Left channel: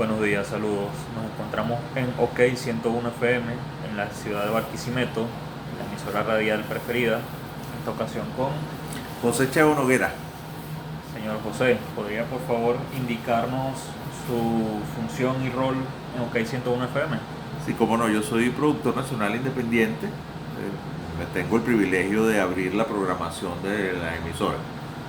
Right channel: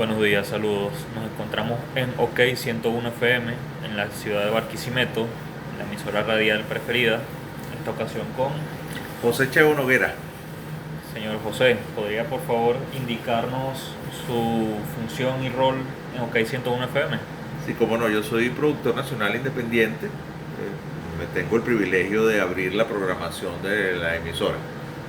Buenos días, saludos. Nos encontramos en OK 101 FM en la ciudad de Barquisimeto, la emisora radial preferida. En esta ocasión con José Cheo Noguera. señor José. ¿Podría por favor indicarnos su función y rol en OK 101 FM? Sí, como no, yo soy productor nacional independiente. Me tengo el privilegio de abrir la programación de la emisora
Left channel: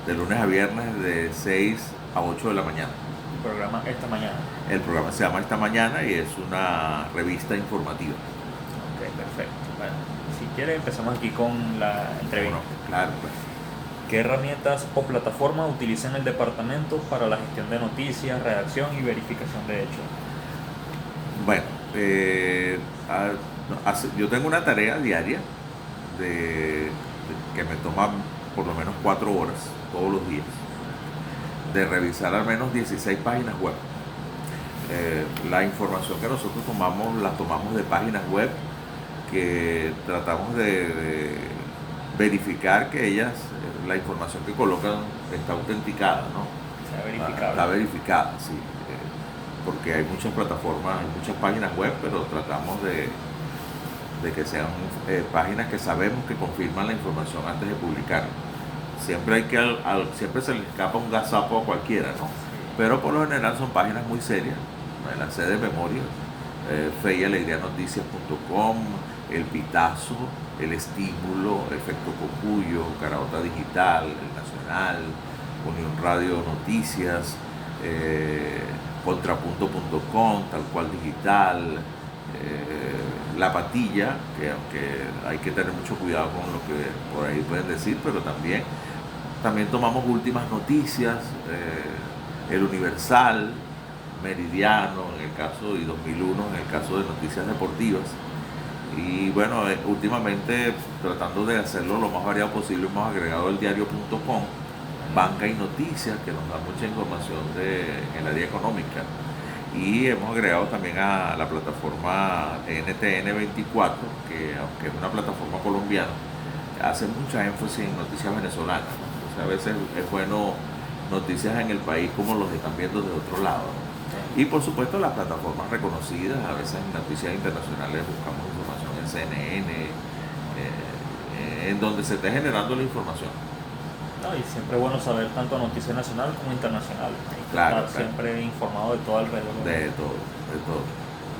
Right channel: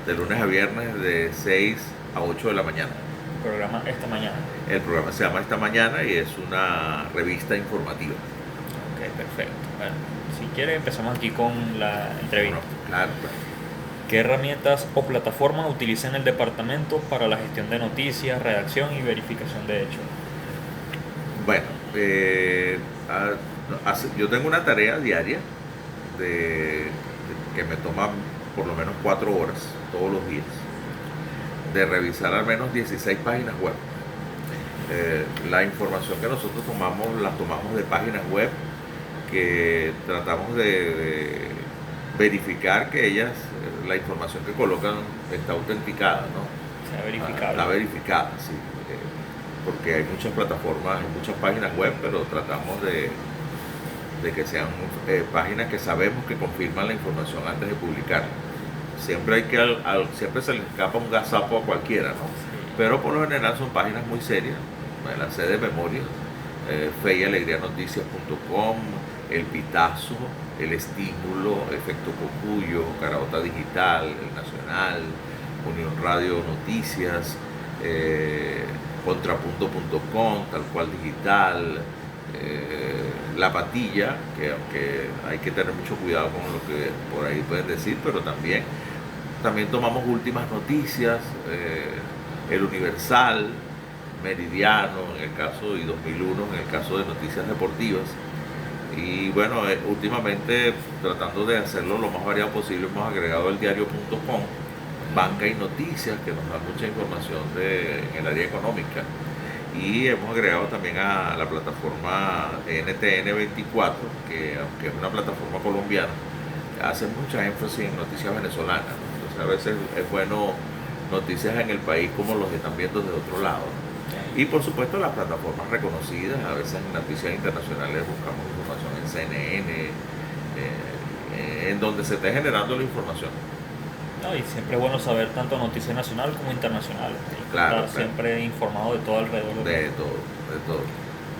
de lunes a viernes de 6 a 8 de la mañana. El programa esta mañana. El programa se llama Esta Mañana y es una revista informativa. Ok, perfecto. Bueno, si quiere empezamos aquí con la entrevista. Bueno, claro, pues. ¿Qué herramientas o plataformas utiliza en el departamento para la gestión de noticias, redacción y verificación de hechos? Bueno, yo tengo una tarea diaria de, que me toma por lo menos 4 horas todos los días, de revisar al menos 16 páginas web. La información que nosotros tomamos la tomamos de páginas web que tratamos de verificar que ellas, la información que colocan está autenticada, ¿no? Sea verificable. Está verificada, sí. Porque hay muchas plataformas, hay muchas páginas web, pero tratamos de que sean páginas que sabemos que confirman la información antes de publicarla. Siempre siempre se le escapa un gazapo a cualquiera, ¿no? Pero por lo general son páginas muy serias. Me las sé de memoria. Fe y Alegría Noticias.com, El Pitazo, El Estímulo, Efecto Cocuyo, Caraota Digital, El Nacional, Unión Radio Noticias, Contrapunto.com, Tal Cual Digital, La Patilla, que aunque hay que tener mucho cuidado con lo que por ahí pueden decir, pero también tomamos Últimas Noticias, El Universal, Meridiano en el caso, y 2001 en el caso de Noticias Deportivas. Y bueno, últimamente tratando de hacerlo lo más variado posible, hemos agregado el diario.com, Banca y Noticias, que nos da mucha información en el área económica. Y hemos agregado también a la plataforma NTN24, que aunque es una plataforma colombiana, hace mucha énfasis en noticias venezolanas, ¿no? Entonces a veces es bueno noticias en el país como los que están viendo de otro lado, ¿no? Y por supuesto las plataformas reconocidas, a veces en noticias internacionales buscamos información en CNN, en donde se esté generando la información. No, y siempre es bueno saber tanto noticias nacional como internacional. Claro, Estar siempre informado de todo alrededor. de todo.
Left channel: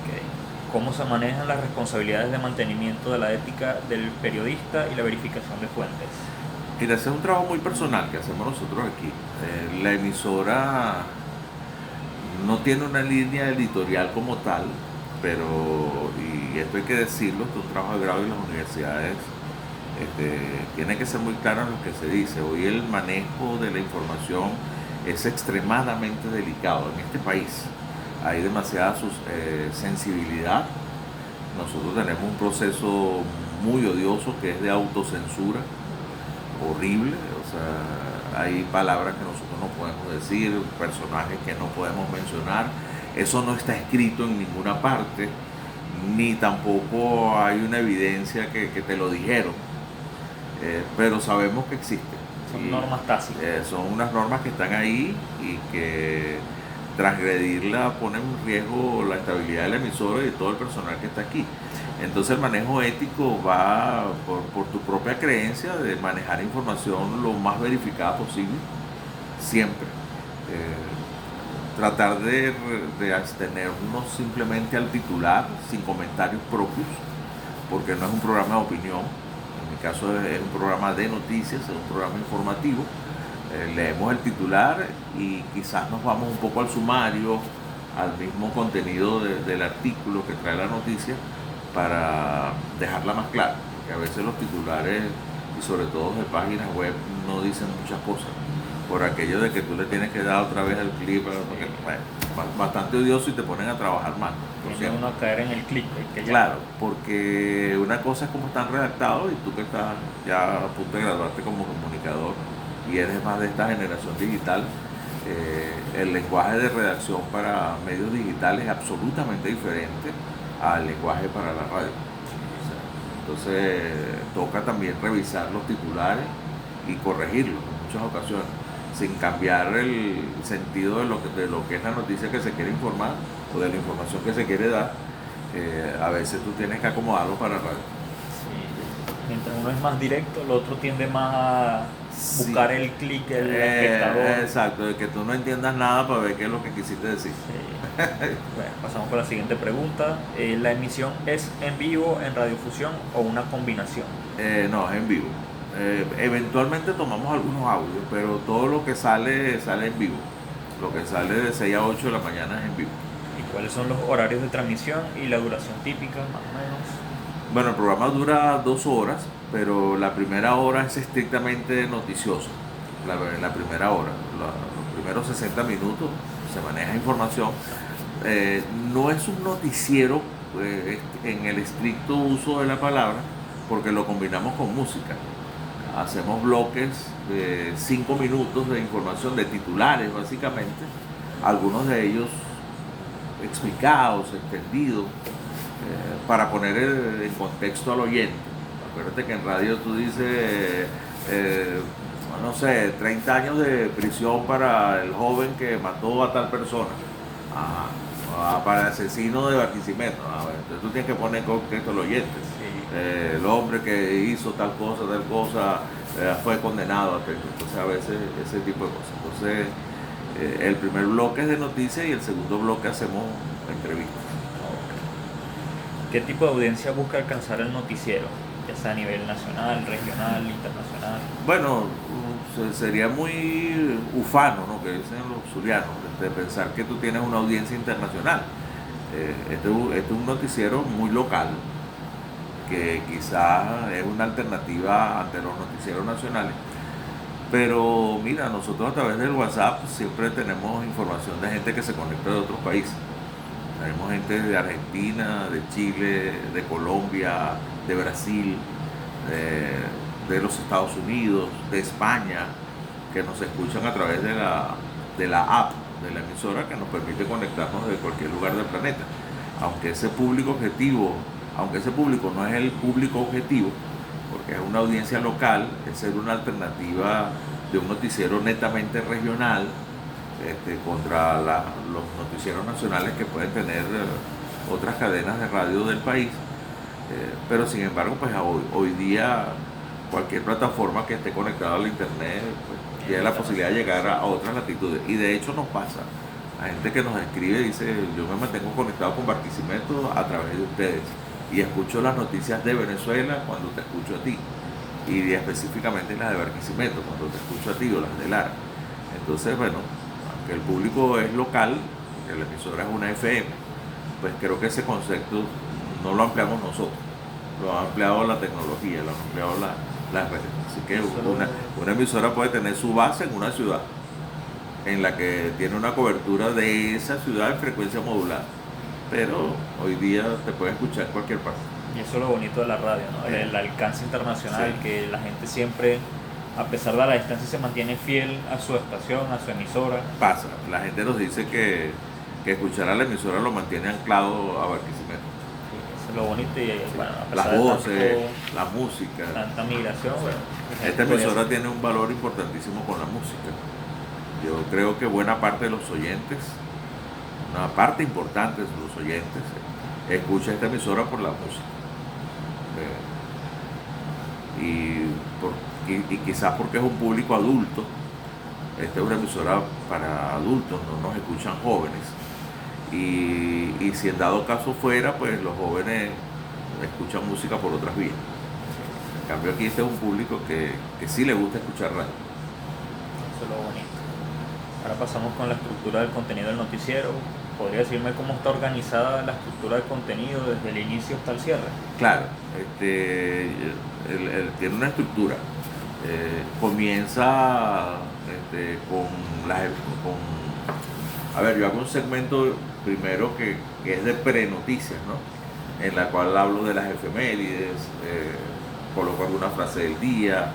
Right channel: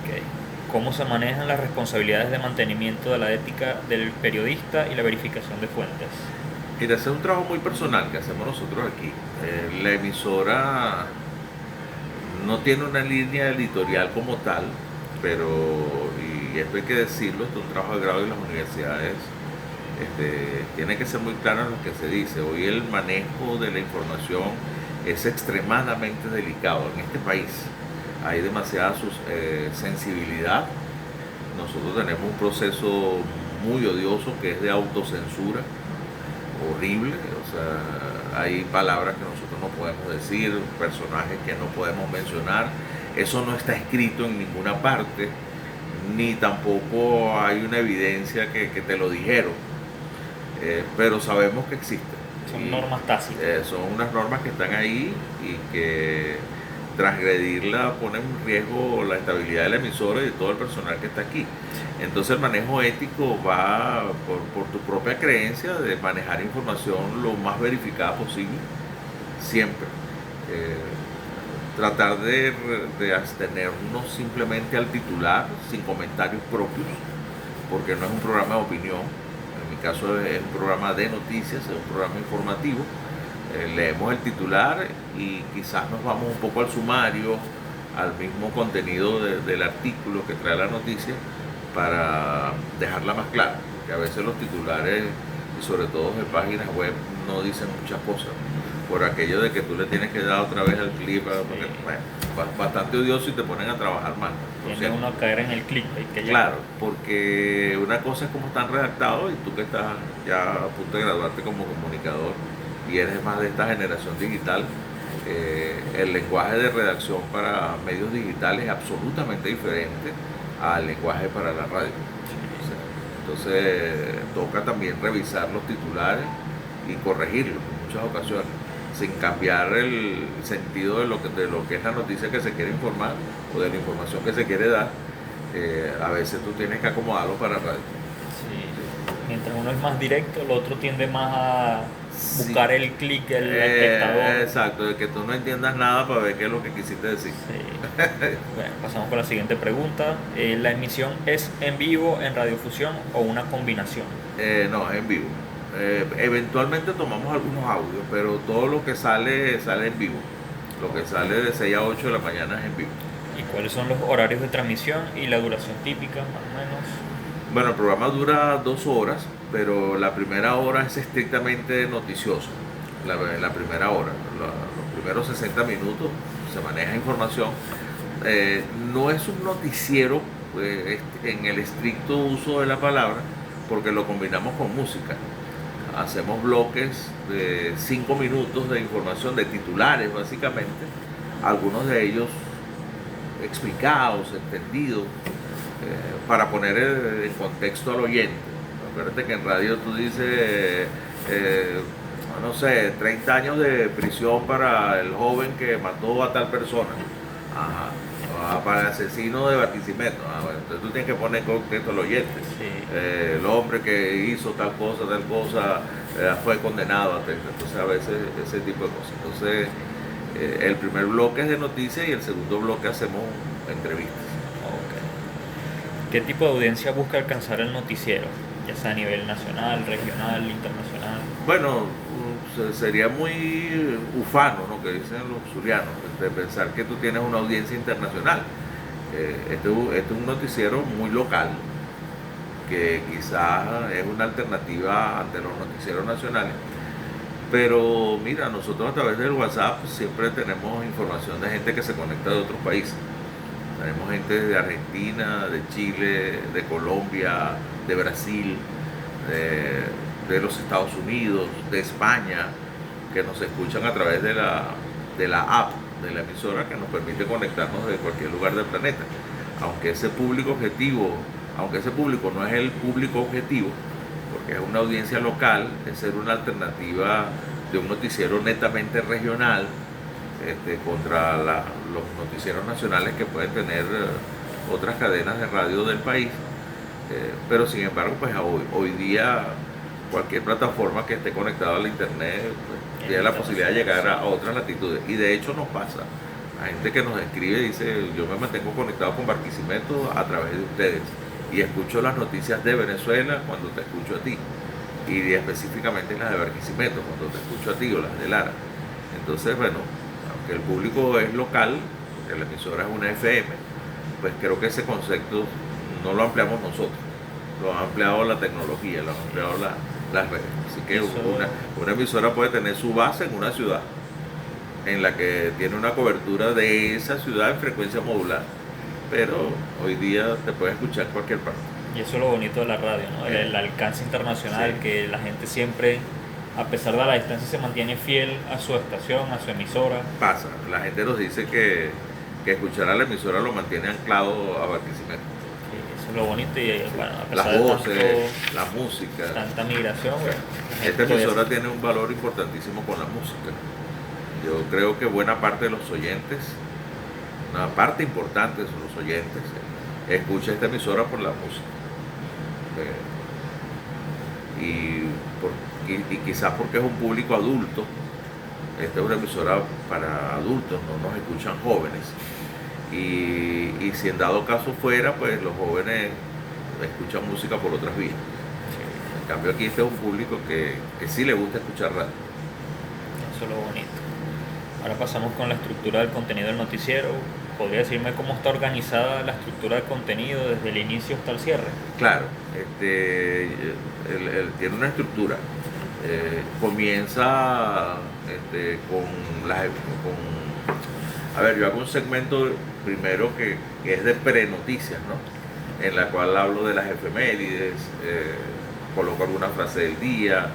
Okay. ¿Cómo se manejan las responsabilidades de mantenimiento de la ética del periodista y la verificación de fuentes? Y de hacer un trabajo muy personal que hacemos nosotros aquí. La emisora no tiene una línea editorial como tal, pero, y esto hay que decirlo, esto es un trabajo de grado y las universidades tiene que ser muy claro en lo que se dice. Hoy el manejo de la información es extremadamente delicado en este país. Hay demasiada sensibilidad. Nosotros tenemos un proceso muy odioso que es de autocensura, horrible. O sea, hay palabras que nosotros no podemos decir, personajes que no podemos mencionar. Eso no está escrito en ninguna parte, ni tampoco hay una evidencia que te lo dijeron. Pero sabemos que existen. Son normas tácitas. Son unas normas que están ahí y que transgredirla pone en riesgo la estabilidad de la emisora y de todo el personal que está aquí. Entonces el manejo ético va por tu propia creencia de manejar información lo más verificada posible, siempre. Tratar de abstenernos simplemente al titular, sin comentarios propios, porque no es un programa de opinión. En mi caso es un programa de noticias, es un programa informativo. Leemos el titular y quizás nos vamos un poco al sumario, al mismo contenido del artículo que trae la noticia, para dejarla más clara, porque a veces los titulares, y sobre todo de páginas web, no dicen muchas cosas, por aquello de que tú le tienes que dar otra vez el clip, porque, bueno, bastante odioso y te ponen a trabajar más, ¿no? Tiene uno a caer en el clip. Claro, porque una cosa es cómo están redactados y tú que estás ya a punto de graduarte como comunicador y eres más de esta generación digital, el lenguaje de redacción para medios digitales es absolutamente diferente al lenguaje para la radio. Entonces toca también revisar los titulares y corregirlos en muchas ocasiones. sin cambiar el sentido de lo que es la noticia que se quiere informar o de la información que se quiere dar. A veces tú tienes que acomodarlo para radio. Sí. Mientras uno es más directo, el otro tiende más a Sí. buscar el clic del espectador. Exacto, de que tú no entiendas nada para ver qué es lo que quisiste decir. Sí. Bueno, pasamos con la siguiente pregunta. ¿La emisión es en vivo, en radiofusión o una combinación? No, es en vivo. Eventualmente tomamos algunos audios, pero todo lo que sale en vivo. Lo que sale de 6 a 8 de la mañana es en vivo. ¿Y cuáles son los horarios de transmisión y la duración típica, más o menos? Bueno, el programa dura 2 horas, pero la primera hora es estrictamente noticiosa. La primera hora, los primeros 60 minutos se maneja información. No es un noticiero en el estricto uso de la palabra, porque lo combinamos con música. Hacemos bloques de 5 minutos de información, de titulares básicamente, algunos de ellos explicados, entendidos, para poner en contexto al oyente. Acuérdate que en radio tú dices, no sé, 30 años de prisión para el joven que mató a tal persona. Ajá. Para el asesino de Barquisimeto. Bueno, entonces tú tienes que poner en contexto al oyente. Sí. El hombre que hizo tal cosa, fue condenado. Entonces a veces ese tipo de cosas. Entonces el primer bloque es de noticias y el segundo bloque hacemos entrevistas. Ok. ¿Qué tipo de audiencia busca alcanzar el noticiero? Ya sea a nivel nacional, regional, internacional. Bueno, sería muy ufano, ¿no? Que dicen los zulianos, de pensar que tú tienes una audiencia internacional. Este es un noticiero muy local, que quizás es una alternativa ante los noticieros nacionales. Pero mira, nosotros a través del WhatsApp siempre tenemos información de gente que se conecta de otros países. Tenemos gente de Argentina, de Chile, de Colombia, de Brasil, de los Estados Unidos, de España, que nos escuchan a través de la app de la emisora, que nos permite conectarnos de cualquier lugar del planeta. Aunque ese público no es el público objetivo, porque es una audiencia local, es ser una alternativa de un noticiero netamente regional, contra los noticieros nacionales que pueden tener otras cadenas de radio del país. Pero sin embargo, pues hoy día cualquier plataforma que esté conectada al internet pues, tiene la posibilidad de llegar a otras latitudes. Y de hecho nos pasa. Hay gente que nos escribe y dice, yo me mantengo conectado con Barquisimeto a través de ustedes y escucho las noticias de Venezuela cuando te escucho a ti, y específicamente las de Barquisimeto cuando te escucho a ti, o las de Lara. Entonces, bueno, aunque el público es local, porque la emisora es una FM, pues creo que ese concepto no lo ampliamos nosotros, lo ha ampliado la tecnología, lo han ampliado las redes. Así que una emisora puede tener su base en una ciudad, en la que tiene una cobertura de esa ciudad en frecuencia modular, pero hoy día te puede escuchar en cualquier parte. Y eso es lo bonito de la radio, ¿no? El alcance internacional, Sí. que la gente siempre, a pesar de la distancia, se mantiene fiel a su estación, a su emisora. Pasa, la gente nos dice que escuchar a la emisora lo mantiene anclado a Barquisimeto. Eso es lo bonito y bueno, a Las pesar de voces, la música. tanta migración, bueno, la Esta gente emisora todavía tiene un valor importantísimo con la música. Yo creo que buena parte de los oyentes, una parte importante de los oyentes, escucha esta emisora por la música. Y quizás porque es un público adulto. Esta es una emisora para adultos, no nos escuchan jóvenes. Y si en dado caso fuera, pues los jóvenes escuchan música por otras vías. En cambio aquí este es un público que sí le gusta escuchar radio. Eso es lo bonito. Ahora pasamos con la estructura del contenido del noticiero. ¿Podría decirme cómo está organizada la estructura del contenido desde el inicio hasta el cierre? Claro, tiene una estructura. Comienza a ver, yo hago un segmento primero que es de pre-noticias, ¿no? En la cual hablo de las efemérides, coloco alguna frase del día,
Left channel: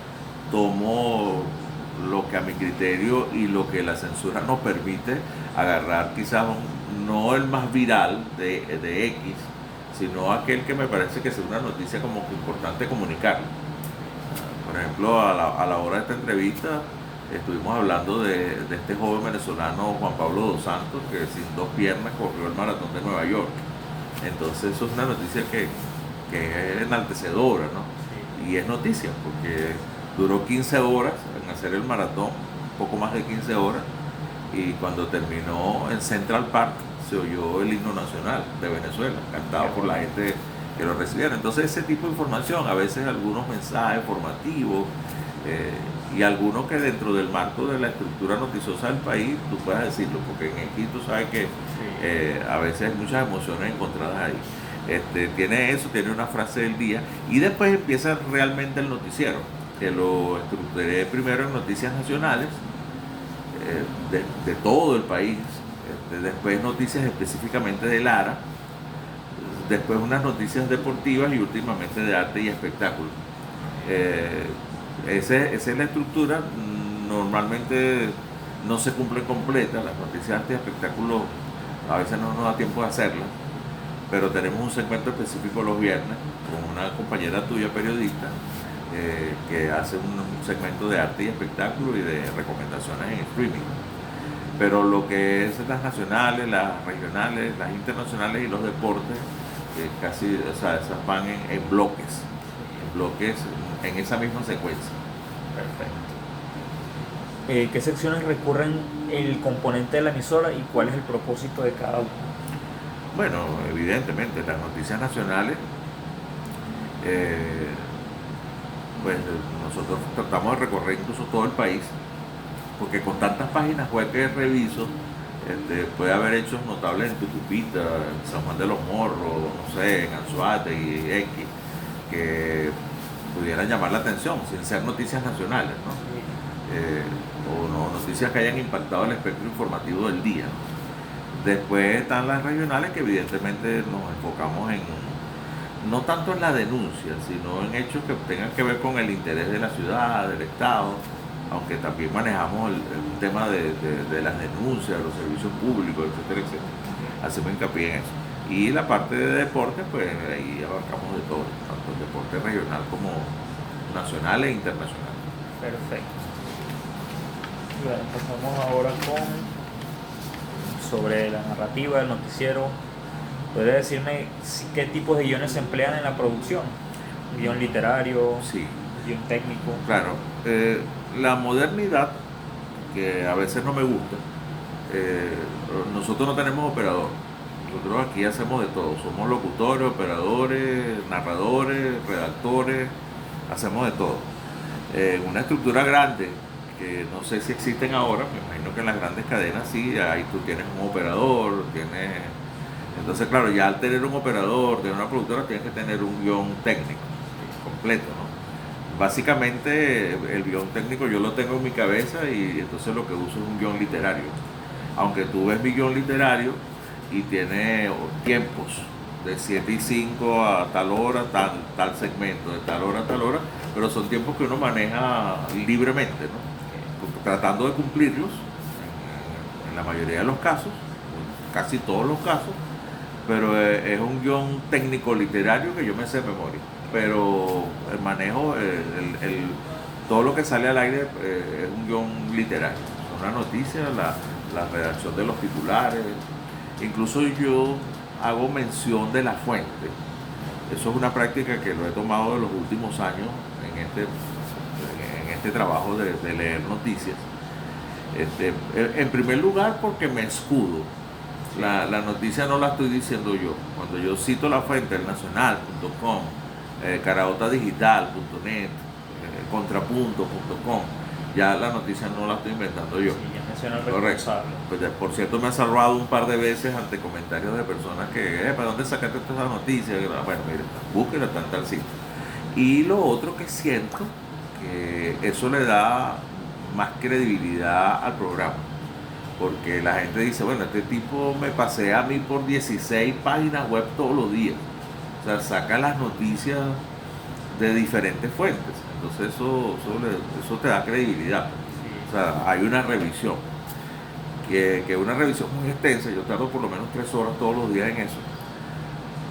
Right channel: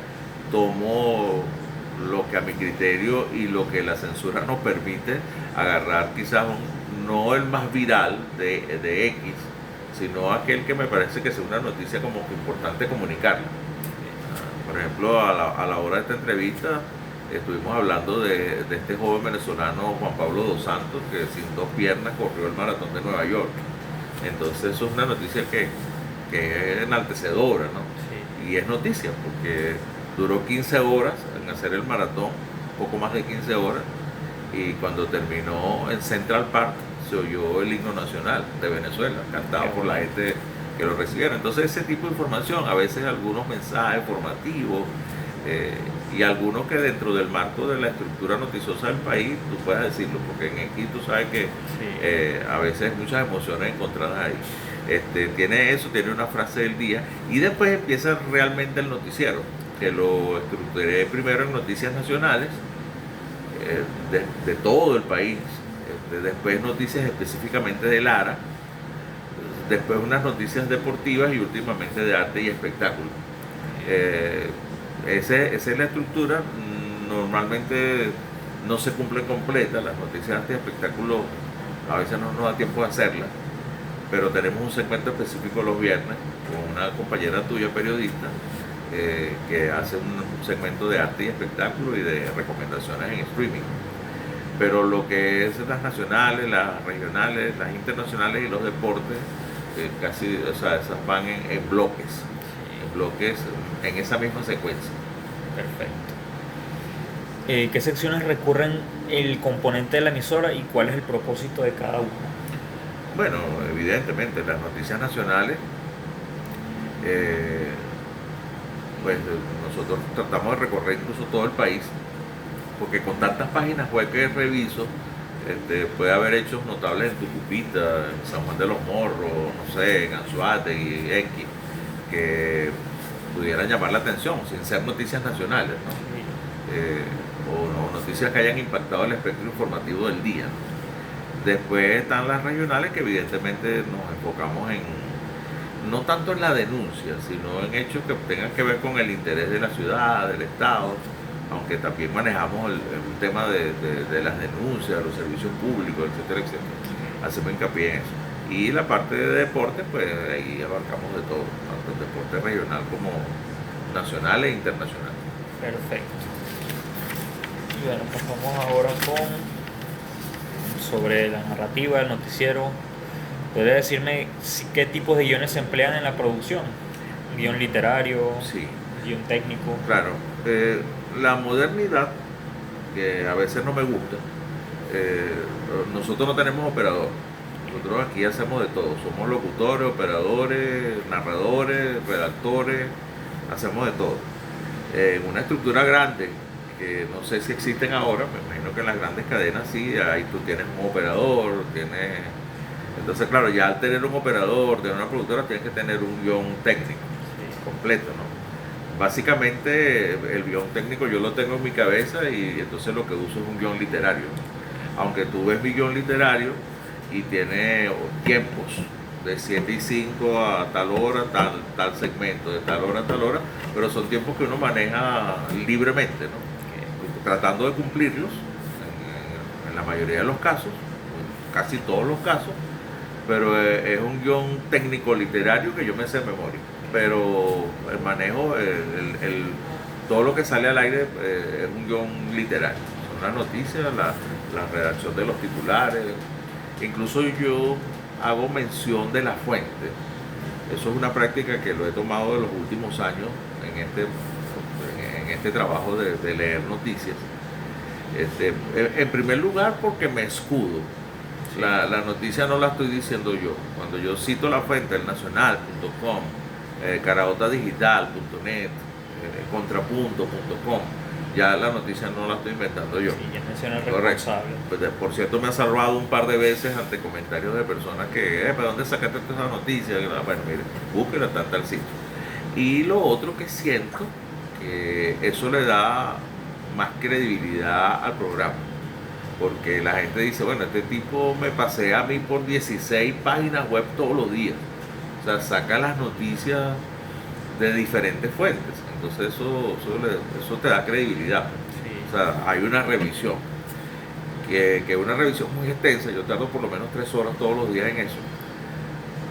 tomo lo que a mi criterio y lo que la censura nos permite agarrar, quizás no el más viral de X, sino aquel que me parece que es una noticia como que importante comunicarla. Por ejemplo, a la hora de esta entrevista, estuvimos hablando de este joven venezolano Juan Pablo dos Santos, que sin dos piernas corrió el maratón de Nueva York. Entonces eso es una noticia que es enaltecedora, ¿no? Sí. Y es noticia porque duró 15 horas en hacer el maratón, poco más de 15 horas, y cuando terminó en Central Park se oyó el himno nacional de Venezuela, cantado por la gente que lo recibieron. Entonces ese tipo de información, a veces algunos mensajes formativos y algunos que dentro del marco de la estructura noticiosa del país, tú puedes decirlo, porque en aquí tú sabes que a veces hay muchas emociones encontradas ahí. Tiene eso, tiene una frase del día y después empieza realmente el noticiero, que lo estructuré primero en noticias nacionales de todo el país, después noticias específicamente de Lara, después unas noticias deportivas y últimamente de arte y espectáculo. Esa es la estructura. Normalmente no se cumple completa, las noticias de arte y espectáculo a veces no nos da tiempo de hacerlas, pero tenemos un segmento específico los viernes con una compañera tuya periodista que hace un segmento de arte y espectáculo y de recomendaciones en streaming. Pero lo que es las nacionales, las regionales, las internacionales y los deportes, casi, o sea, esas van en bloques, en esa misma secuencia. Perfecto. ¿Qué secciones recurren el componente de la emisora y cuál es el propósito de cada una? Bueno, evidentemente, las noticias nacionales, pues nosotros tratamos de recorrer incluso todo el país, porque con tantas páginas web que reviso, puede haber hechos notables en Tucupita, en San Juan de los Morros, no sé, en Anzoátegui, X, que pudieran llamar la atención, sin ser noticias nacionales, ¿no? O no, noticias que hayan impactado el espectro informativo del día, ¿no? Después están las regionales, que evidentemente nos enfocamos no tanto en la denuncia, sino en hechos que tengan que ver con el interés de la ciudad, del Estado, aunque también manejamos el tema de las denuncias, de los servicios públicos, etcétera, etcétera. Hacemos hincapié en eso. Y la parte de deporte, pues ahí abarcamos de todo, tanto el deporte regional como nacional e internacional. Perfecto. Y bueno, pasamos ahora sobre la narrativa del noticiero. ¿Podría decirme qué tipos de guiones se emplean en la producción? ¿Guión literario? Sí. ¿Guión técnico? Claro. La modernidad, que a veces no me gusta, nosotros no tenemos operador. Nosotros aquí hacemos de todo. Somos locutores, operadores, narradores, redactores, hacemos de todo. En una estructura grande, que no sé si existen ahora, me imagino que en las grandes cadenas sí, ahí tú tienes un operador, Entonces, claro, ya al tener un operador de una productora tienes que tener un guión técnico completo, ¿no? Básicamente el guión técnico yo lo tengo en mi cabeza y entonces lo que uso es un guión literario. Aunque tú ves mi guión literario y tiene tiempos de 7 y 5 a tal hora, tal segmento, de tal hora a tal hora, pero son tiempos que uno maneja libremente, ¿no? Tratando de cumplirlos en la mayoría de los casos, casi todos los casos, pero es un guión técnico literario que yo me sé de memoria, pero el manejo, todo lo que sale al aire es un guión literario, una noticia, la redacción de los titulares, incluso yo hago mención de la fuente. Eso es una práctica que lo he tomado de los últimos años en este trabajo de leer noticias. En primer lugar porque me escudo. La noticia no la estoy diciendo yo. Cuando yo cito la fuente, el nacional.com, caraotadigital.net, contrapunto.com, ya la noticia no la estoy inventando yo. Sí, ya menciona el responsable. Pues, por cierto, me ha salvado un par de veces ante comentarios de personas que, ¿para dónde sacaste toda esa noticia? Bueno, mire, búsquela, tal sitio. Y lo otro que siento, que eso le da más credibilidad al programa, porque la gente dice, bueno, este tipo me pasea a mí por 16 páginas web todos los días, o sea, saca las noticias de diferentes fuentes, entonces eso te da credibilidad. O sea, hay una revisión, que es una revisión muy extensa. Yo tardo por lo menos 3 horas todos los días en eso,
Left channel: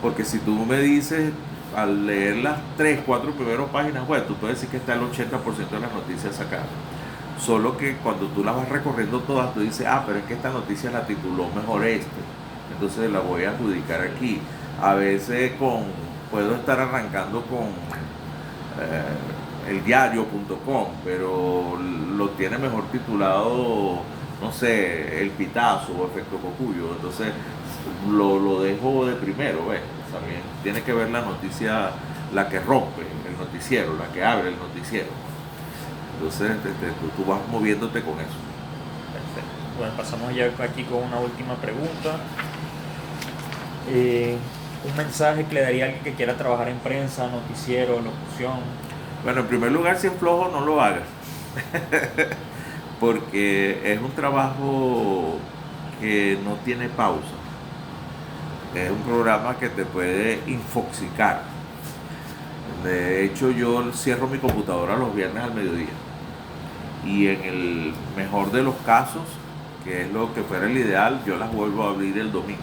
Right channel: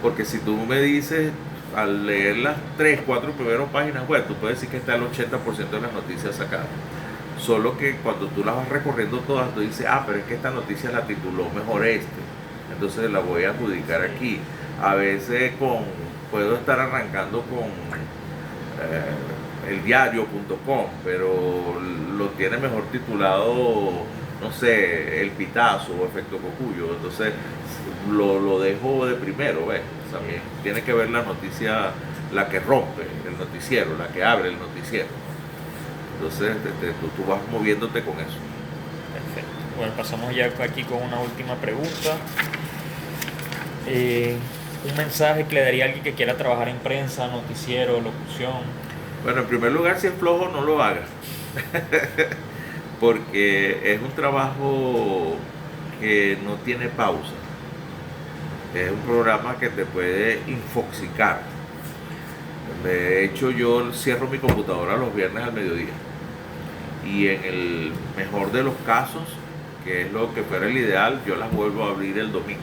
porque si tú me dices, al leer las 3, 4 primeras páginas web, tú puedes decir que está el 80% de las noticias sacadas, Solo que cuando tú las vas recorriendo todas, tú dices, pero es que esta noticia la tituló mejor entonces la voy a adjudicar aquí. A veces puedo estar arrancando con eldiario.com, pero lo tiene mejor titulado, no sé, El Pitazo o Efecto Cocuyo, entonces lo dejo de primero, ¿ves? También tiene que ver la noticia, la que rompe el noticiero, la que abre el noticiero. Entonces tú vas moviéndote con eso. Perfecto. Bueno, pasamos ya aquí con una última pregunta. Un mensaje que le daría a alguien que quiera trabajar en prensa, noticiero, locución. Bueno, en primer lugar, si es flojo, no lo hagas. Porque es un trabajo que no tiene pausa. Es un programa que te puede infoxicar. De hecho, yo cierro mi computadora los viernes al mediodía. Y en el mejor de los casos, que es lo que fuera el ideal, yo las vuelvo a abrir el domingo.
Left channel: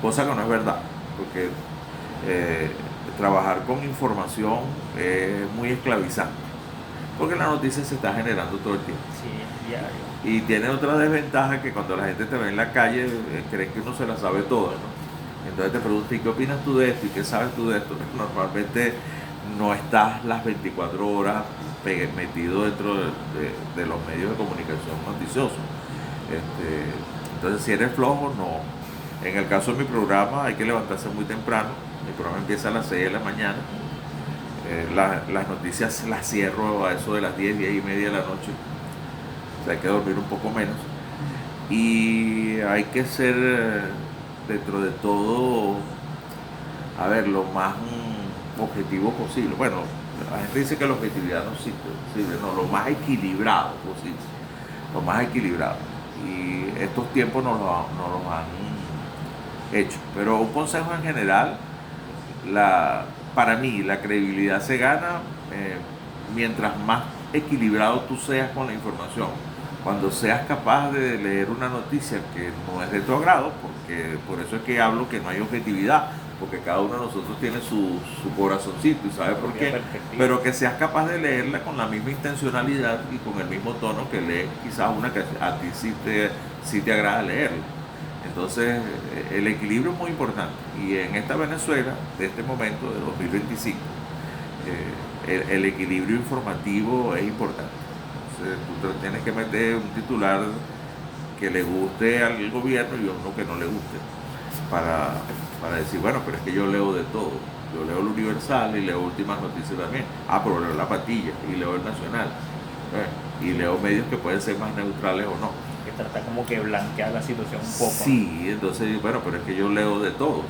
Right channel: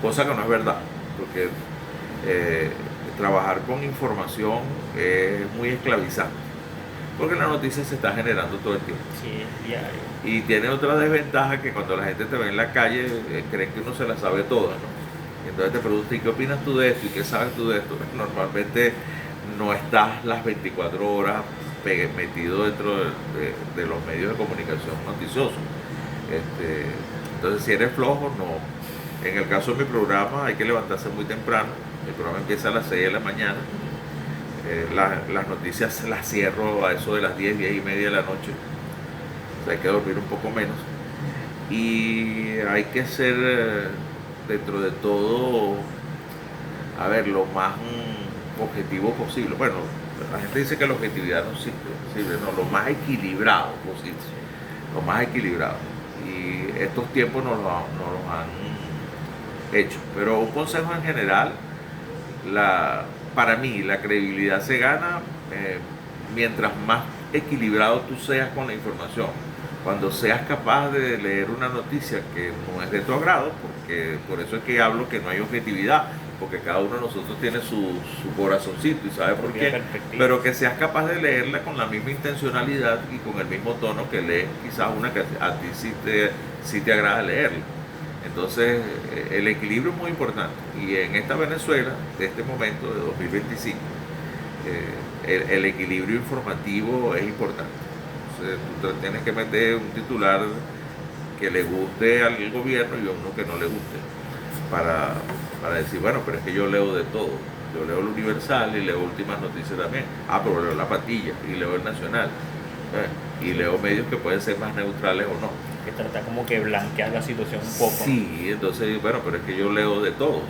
Cosa que no es verdad, porque trabajar con información es muy esclavizante, porque la noticia se está generando todo el tiempo. Sí, diario. Y tiene otra desventaja, que cuando la gente te ve en la calle, creen que uno se la sabe toda, ¿no? Entonces te preguntan, ¿y qué opinas tú de esto? ¿Y qué sabes tú de esto? Normalmente no estás las 24 horas metido dentro de los medios de comunicación noticiosos. Entonces, si eres flojo, no. En el caso de mi programa, hay que levantarse muy temprano. Mi programa empieza a las 6 de la mañana. Las noticias las cierro a eso de las 10, 10 y media de la noche. O sea, hay que dormir un poco menos. Y hay que ser, dentro de todo, lo más objetivo posible. Bueno, la gente dice que la objetividad no sirve, no, lo más equilibrado posible. Lo más equilibrado. Y estos tiempos nos los han hecho. Pero un consejo en general, para mí la credibilidad se gana mientras más equilibrado tú seas con la información. Cuando seas capaz de leer una noticia que no es de tu agrado, porque por eso es que hablo que no hay objetividad, porque cada uno de nosotros tiene su corazoncito y sabe por qué, pero que seas capaz de leerla con la misma intencionalidad y con el mismo tono que lees quizás una que a ti sí te agrada leerla. Entonces, el equilibrio es muy importante. Y en esta Venezuela, de este momento, de 2025, el equilibrio informativo es importante. Entonces, tú tienes que meter un titular que le guste al gobierno y uno que no le guste. Para decir, bueno, pero es que yo leo de todo. Yo leo el Universal y leo Últimas Noticias también. Pero leo La Patilla y leo el Nacional. Y leo medios que pueden ser más neutrales o no. Que trata como que blanquear la situación un poco. Sí, ¿no? Entonces, bueno, pero es que yo leo de todos,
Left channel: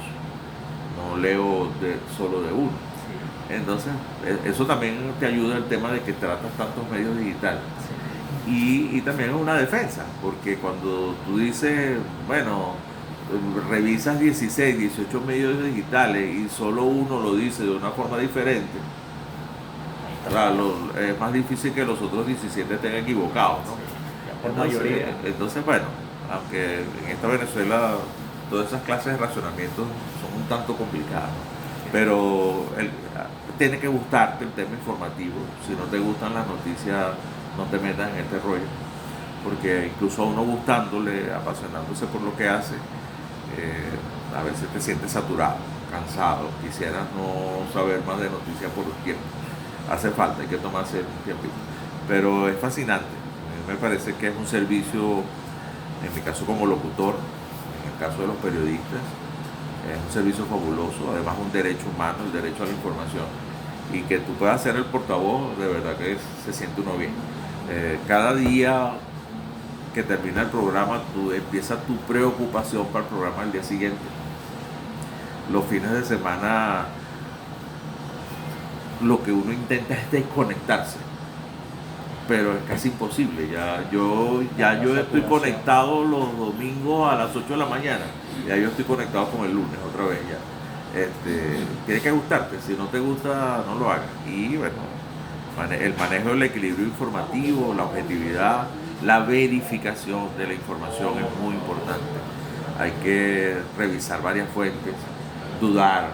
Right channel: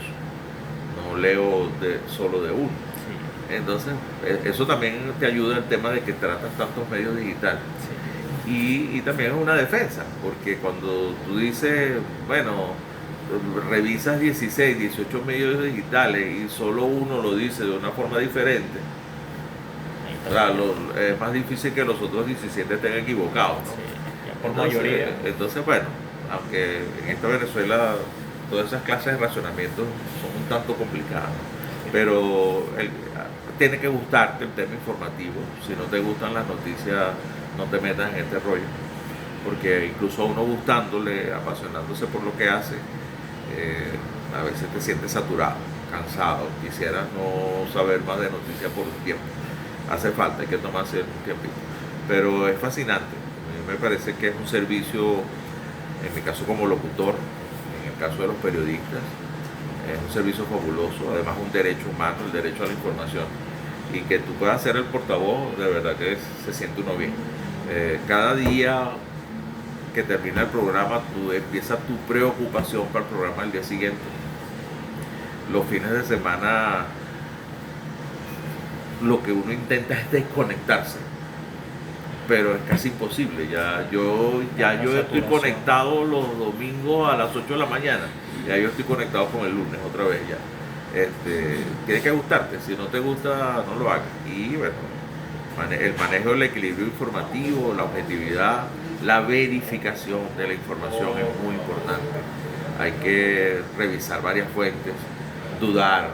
no leo solo de uno. Sí. Entonces, eso también te ayuda al tema de que tratas tantos medios digitales. Sí. Y también es una defensa, porque cuando tú dices, bueno, revisas 16, 18 medios digitales y solo uno lo dice de una forma diferente, claro, es más difícil que los otros 17 estén equivocados, ¿no? Sí. Entonces, bueno, aunque en esta Venezuela todas esas clases de racionamientos son un tanto complicadas, ¿no? Pero tiene que gustarte el tema informativo. Si no te gustan las noticias, no te metas en este rollo, porque incluso a uno gustándole, apasionándose por lo que hace, a veces te sientes saturado, cansado, quisieras no saber más de noticias por un tiempo. Hace falta, hay que tomarse un tiempito, pero es fascinante. Me parece que es un servicio, en mi caso como locutor, en el caso de los periodistas, es un servicio fabuloso, además un derecho humano, el derecho a la información, y que tú puedas ser el portavoz, de verdad que se siente uno bien. Cada día que termina el programa, tú empieza tu preocupación para el programa del día siguiente. Los fines de semana, lo que uno intenta es desconectarse, pero es casi imposible. Yo estoy conectado los domingos a las 8 de la mañana, ya yo estoy conectado con el lunes otra vez ya. Tiene que gustarte, si no te gusta no lo hagas. Y bueno, el manejo del equilibrio informativo, la objetividad, la verificación de la información es muy importante. Hay que revisar varias fuentes, dudar.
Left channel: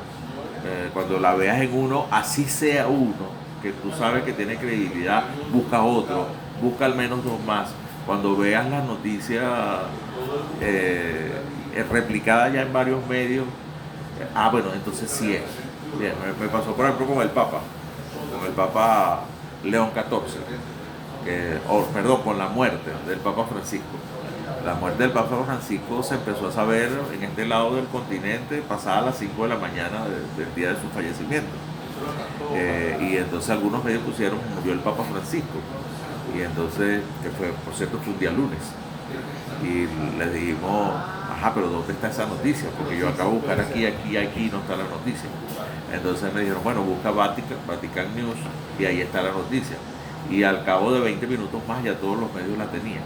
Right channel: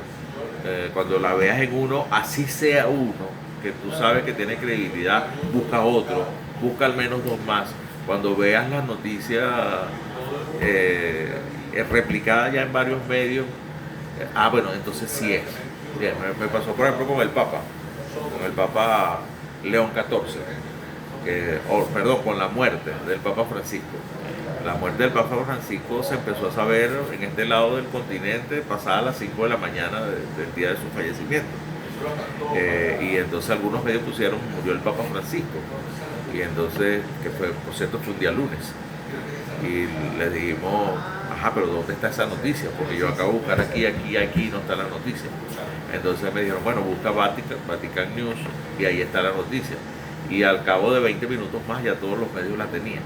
Cuando la veas en uno, así sea uno, que tú sabes que tiene credibilidad, busca otro busca al menos dos más. Cuando veas las noticias replicadas ya en varios medios, bueno, entonces sí es. Bien, me pasó por ejemplo con el Papa León XIV, perdón, con la muerte del Papa Francisco. La muerte del Papa Francisco se empezó a saber en este lado del continente pasadas las 5 de la mañana del día de su fallecimiento. Y entonces algunos medios pusieron murió el Papa Francisco. Y entonces, que fue, por cierto, fue un día lunes. Y le dijimos, ajá, pero ¿dónde está esa noticia? Porque yo acabo de buscar aquí no está la noticia. Entonces me dijeron, bueno, busca Vatican News y ahí está la noticia. Y al cabo de 20 minutos más ya todos los medios la tenían.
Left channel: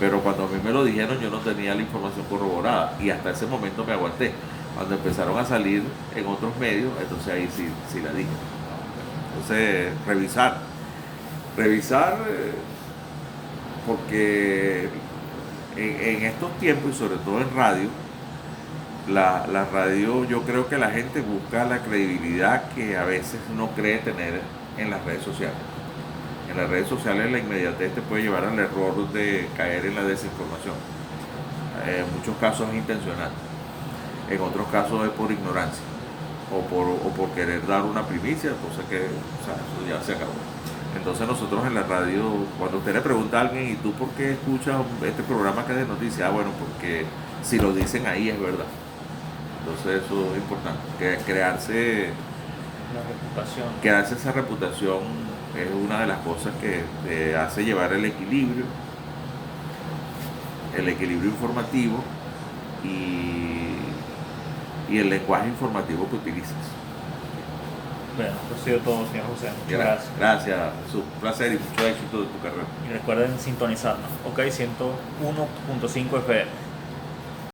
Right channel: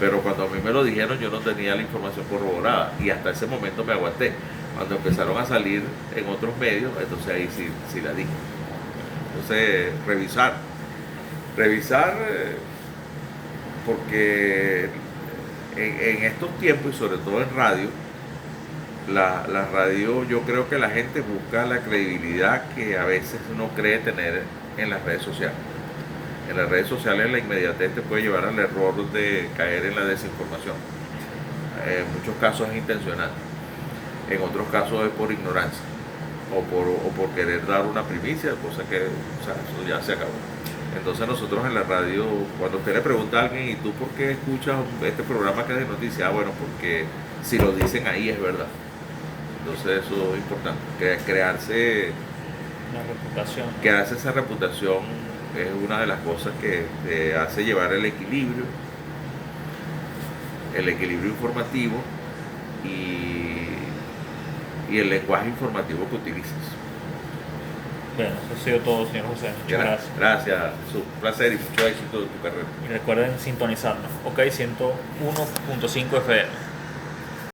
Pero cuando a mí me lo dijeron yo no tenía la información corroborada y hasta ese momento me aguanté. Cuando empezaron a salir en otros medios, entonces ahí sí la dije. Entonces, revisar porque en estos tiempos y sobre todo en radio, la radio, yo creo que la gente busca la credibilidad que a veces no cree tener en las redes sociales. En las redes sociales la inmediatez te puede llevar al error de caer en la desinformación. En muchos casos es intencional, en otros casos es por ignorancia o por querer dar una primicia, cosa que, o sea, eso ya se acabó. Entonces nosotros en la radio, cuando usted le pregunta a alguien, ¿y tú por qué escuchas este programa que es de noticias? Bueno, porque si lo dicen ahí es verdad. Entonces eso es importante, crearse esa reputación es una de las cosas que te hace llevar el equilibrio informativo y el lenguaje informativo que utilizas. Bueno, eso ha sido todo, señor José. Muchas gracias. Gracias, Jesús. Un placer y mucho éxito de tu carrera. Y recuerden sintonizarnos. OK 101.5 FM.